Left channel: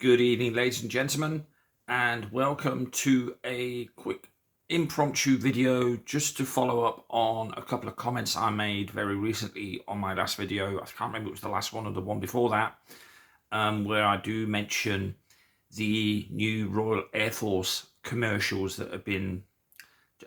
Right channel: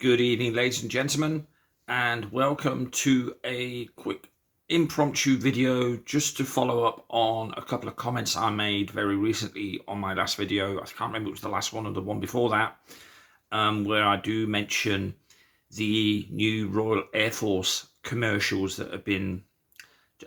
Good evening, ladies and gentlemen, and welcome to a quick impromptu video just to follow up on a couple of comments I made very recently on my last video. I can't remember if it was the last one or the one before that, where I do mention the new Royal Air Force commercials that have been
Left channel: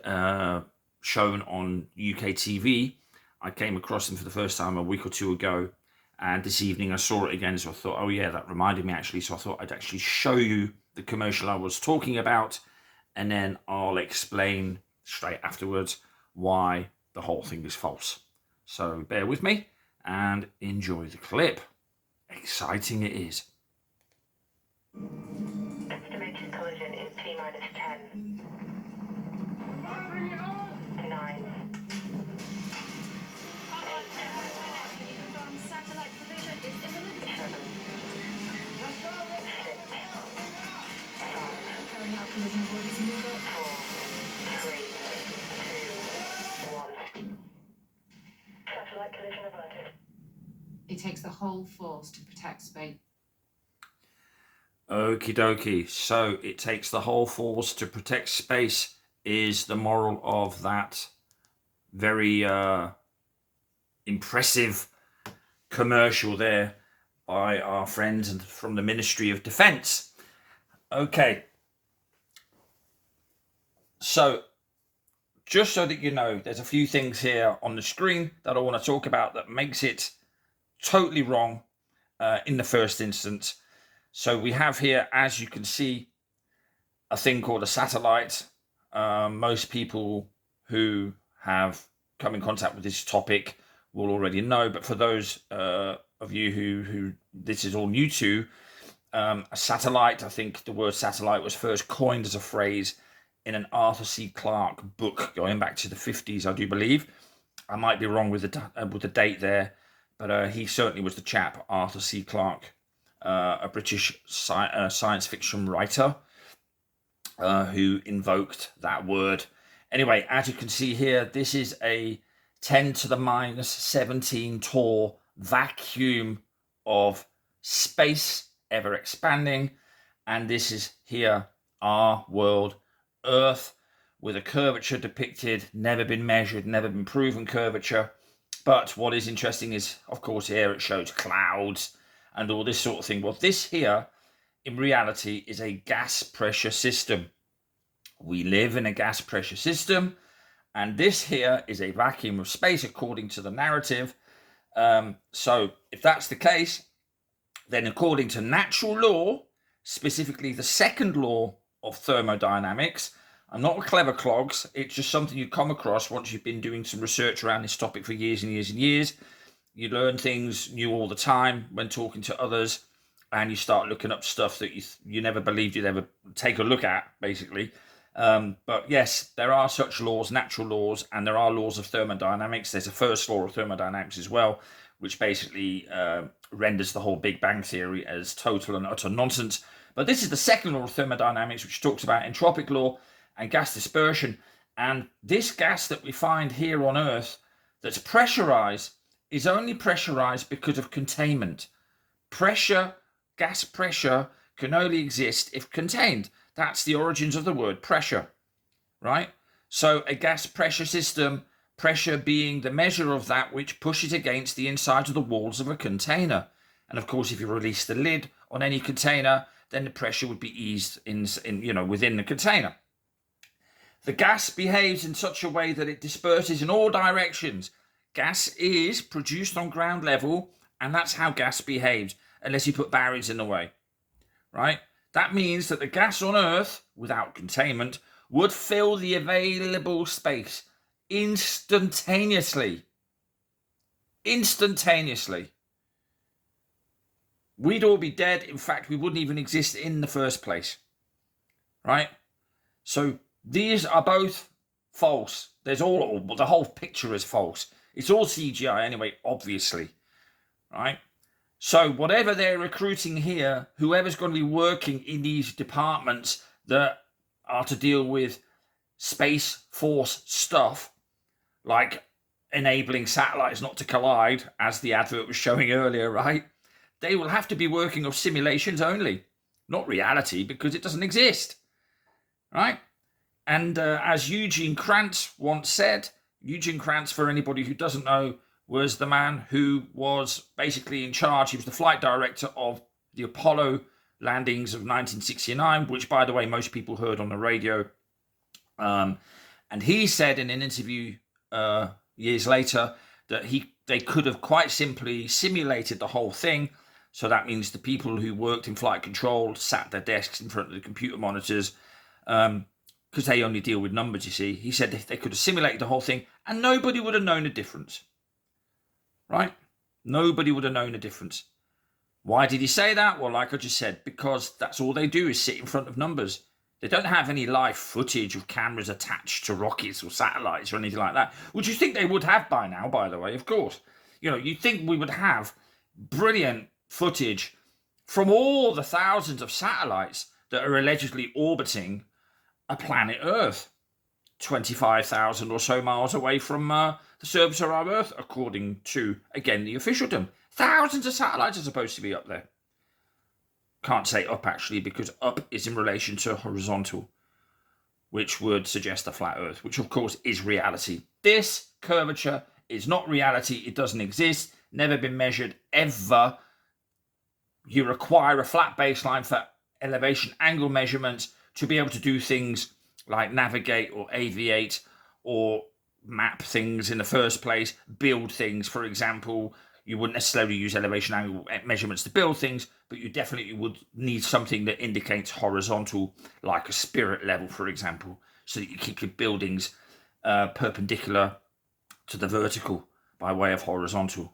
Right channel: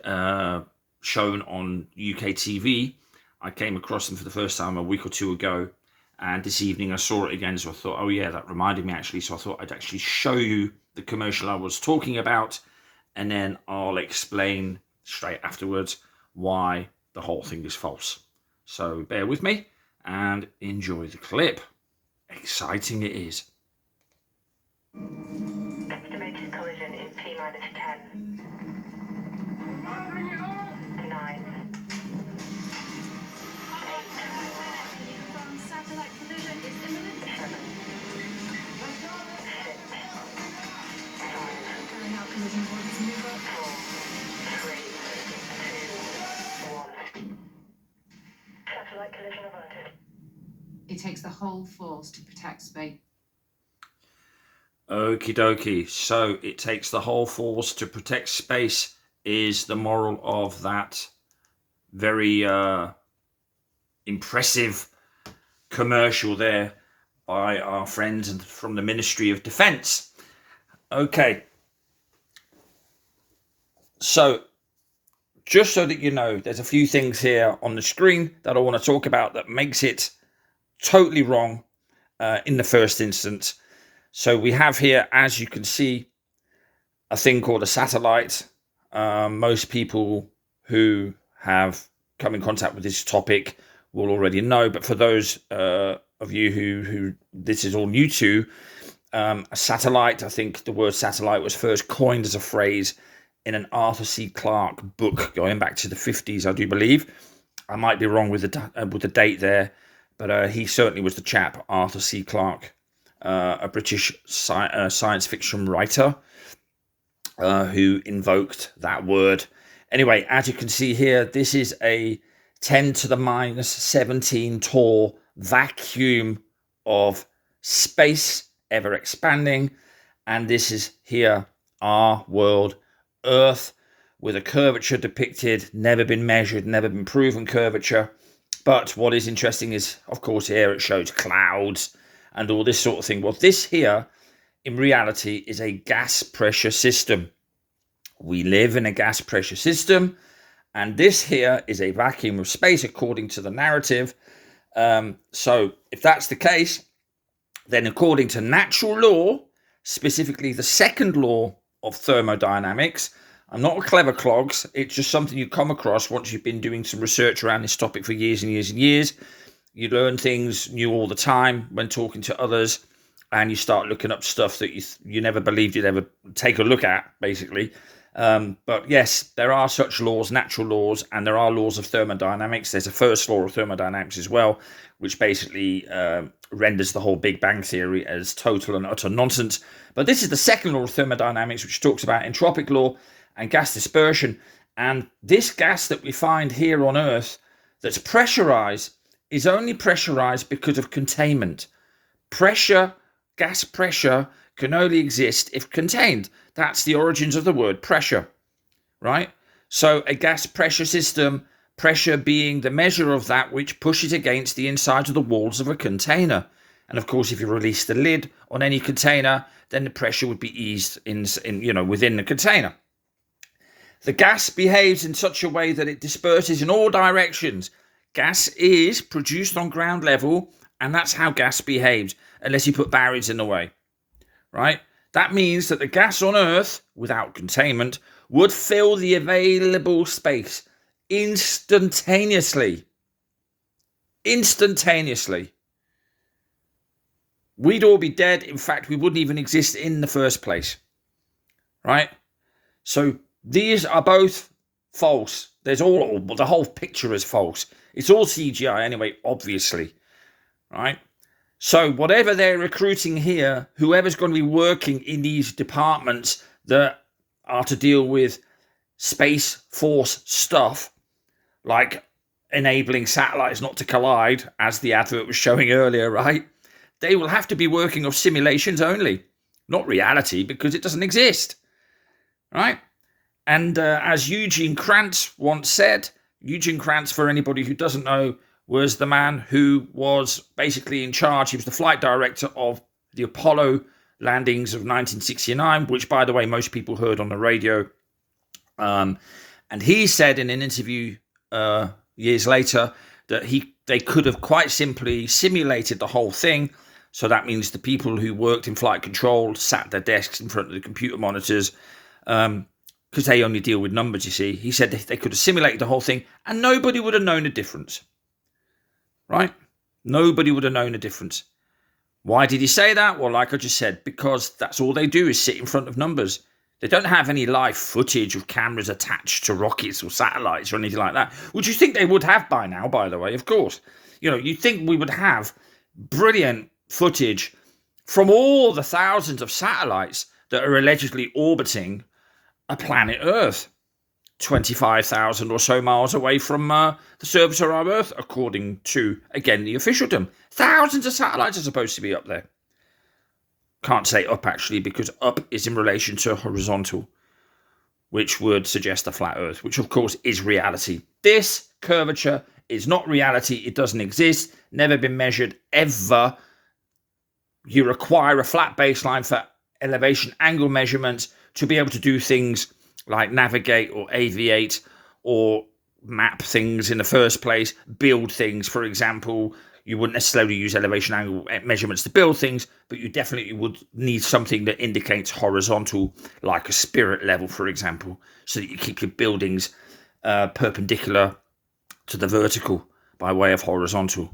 shown on UK TV. I came across them for the first time a week or two ago, and this evening I saw it again, so I thought, oh yeah, that reminded me actually, so I thought I'd actually show you the commercial I was talking about, and then I'll explain straight afterwards why the whole thing is false. So bear with me and enjoy the clip. Exciting it is. Estimated collision in T-minus 10, 9, 8, Satellite collision is imminent. 7, 6, 5, Carrying out collision avoidance maneuver. 4, 3, 2, 1. Satellite collision averted. It takes the whole force to protect space. Okie dokie. So it takes the whole force to protect space is the moral of that very impressive commercial there by our friends from the Ministry of Defence. Okay. So just so that you know, there's a few things here on the screen that I want to talk about that makes it totally wrong in the first instance. So we have here, as you can see, a thing called a satellite. Most people who have come in contact with this topic will already know, but for those of you who this is all new to, a satellite, I think the word satellite was first coined as a phrase in an Arthur C. Clarke book going back to the 50s, I do believe. I might be wrong with the date there, but he certainly was the chap, Arthur C. Clarke, a British science fiction writer who invoked that word. Anyway, as you can see here, this is a 10 to the minus 17 tall vacuum of space, ever expanding. And this is here our world, Earth, with a curvature depicted, never been measured, never been proven curvature. But what is interesting is, of course, here it shows clouds and all this sort of thing. Well, this here, in reality, is a gas pressure system. We live in a gas pressure system, and this here is a vacuum of space, according to the narrative. So if that's the case, then according to natural law, specifically the second law of thermodynamics, I'm not a clever clogs, it's just something you come across once you've been doing some research around this topic for years and years and years. You learn things new all the time when talking to others, and you start looking up stuff that you never believed you'd ever take a look at, basically. But yes, there are such laws, natural laws, and there are laws of thermodynamics. There's a first law of thermodynamics as well, which basically renders the whole Big Bang theory as total and utter nonsense. But this is the second law of thermodynamics, which talks about entropic law and gas dispersion. And this gas that we find here on Earth that's pressurized is only pressurized because of containment. Pressure, gas pressure, can only exist if contained. That's the origins of the word pressure, right? So a gas pressure system, pressure being the measure of that which pushes against the inside of the walls of a container. And of course, if you release the lid on any container, then the pressure would be eased in within the container. The gas behaves in such a way that it disperses in all directions. Gas is produced on ground level, and that's how gas behaves, unless you put barriers in the way, right? That means that the gas on Earth, without containment, would fill the available space instantaneously. Instantaneously. We'd all be dead. In fact, we wouldn't even exist in the first place, right? So these are both false. The whole picture is false. It's all CGI anyway, obviously, right? So whatever they're recruiting here, whoever's going to be working in these departments that are to deal with Space Force stuff, like enabling satellites not to collide, as the advert was showing earlier, right? They will have to be working off simulations only, not reality, because it doesn't exist, right? And as Eugene Krantz once said, Eugene Krantz, for anybody who doesn't know, was the man who was basically in charge. He was the flight director of the Apollo landings of 1969, which, by the way, most people heard on the radio. And he said in an interview years later that they could have quite simply simulated the whole thing. So that means the people who worked in flight control sat at their desks in front of the computer monitors, because they only deal with numbers, you see. He said they could have simulated the whole thing and nobody would have known the difference. Right? Nobody would have known the difference. Why did he say that? Well, like I just said, because that's all they do is sit in front of numbers. They don't have any live footage of cameras attached to rockets or satellites or anything like that, which you think they would have by now, by the way, of course. You know, you'd think we would have brilliant footage from all the thousands of satellites that are allegedly orbiting a planet Earth, 25,000 or so miles away from the surface of our Earth, according to, again, the officialdom. Thousands of satellites are supposed to be up there. Can't say up, actually, because up is in relation to horizontal, which would suggest a flat Earth, which, of course, is reality. This curvature is not reality. It doesn't exist, never been measured, ever. You require a flat baseline for elevation angle measurements to be able to do things like navigate or aviate or map things in the first place, build things. For example, you wouldn't necessarily use elevation angle measurements to build things, but you definitely would need something that indicates horizontal, like a spirit level, for example, so that you keep your buildings perpendicular to the vertical by way of horizontal,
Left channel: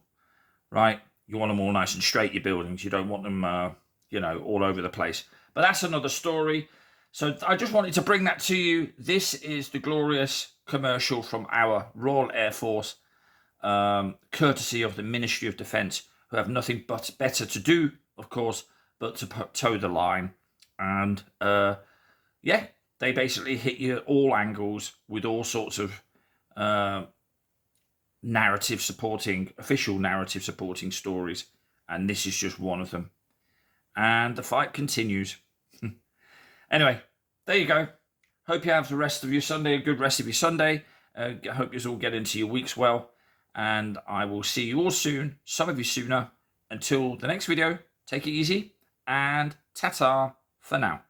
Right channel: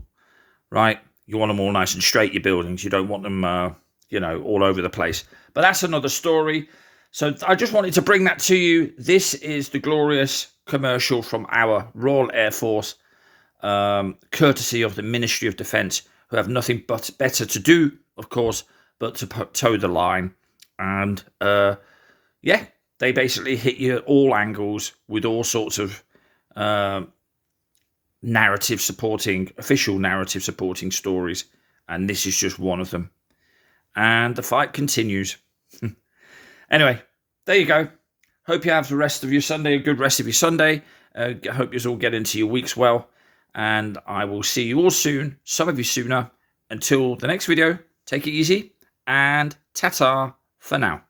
right? You want them all nice and straight, your buildings. You don't want them, all over the place. But that's another story. So I just wanted to bring that to you. This is the glorious commercial from our Royal Air Force, courtesy of the Ministry of Defence, who have nothing but better to do, of course, but to toe the line. And they basically hit you at all angles with all sorts of official narrative supporting stories. And this is just one of them. And the fight continues. Anyway, there you go. Hope you have the rest of your Sunday, a good rest of your Sunday. Hope you all get into your weeks well. And I will see you all soon, some of you sooner. Until the next video, take it easy and ta-ta for now.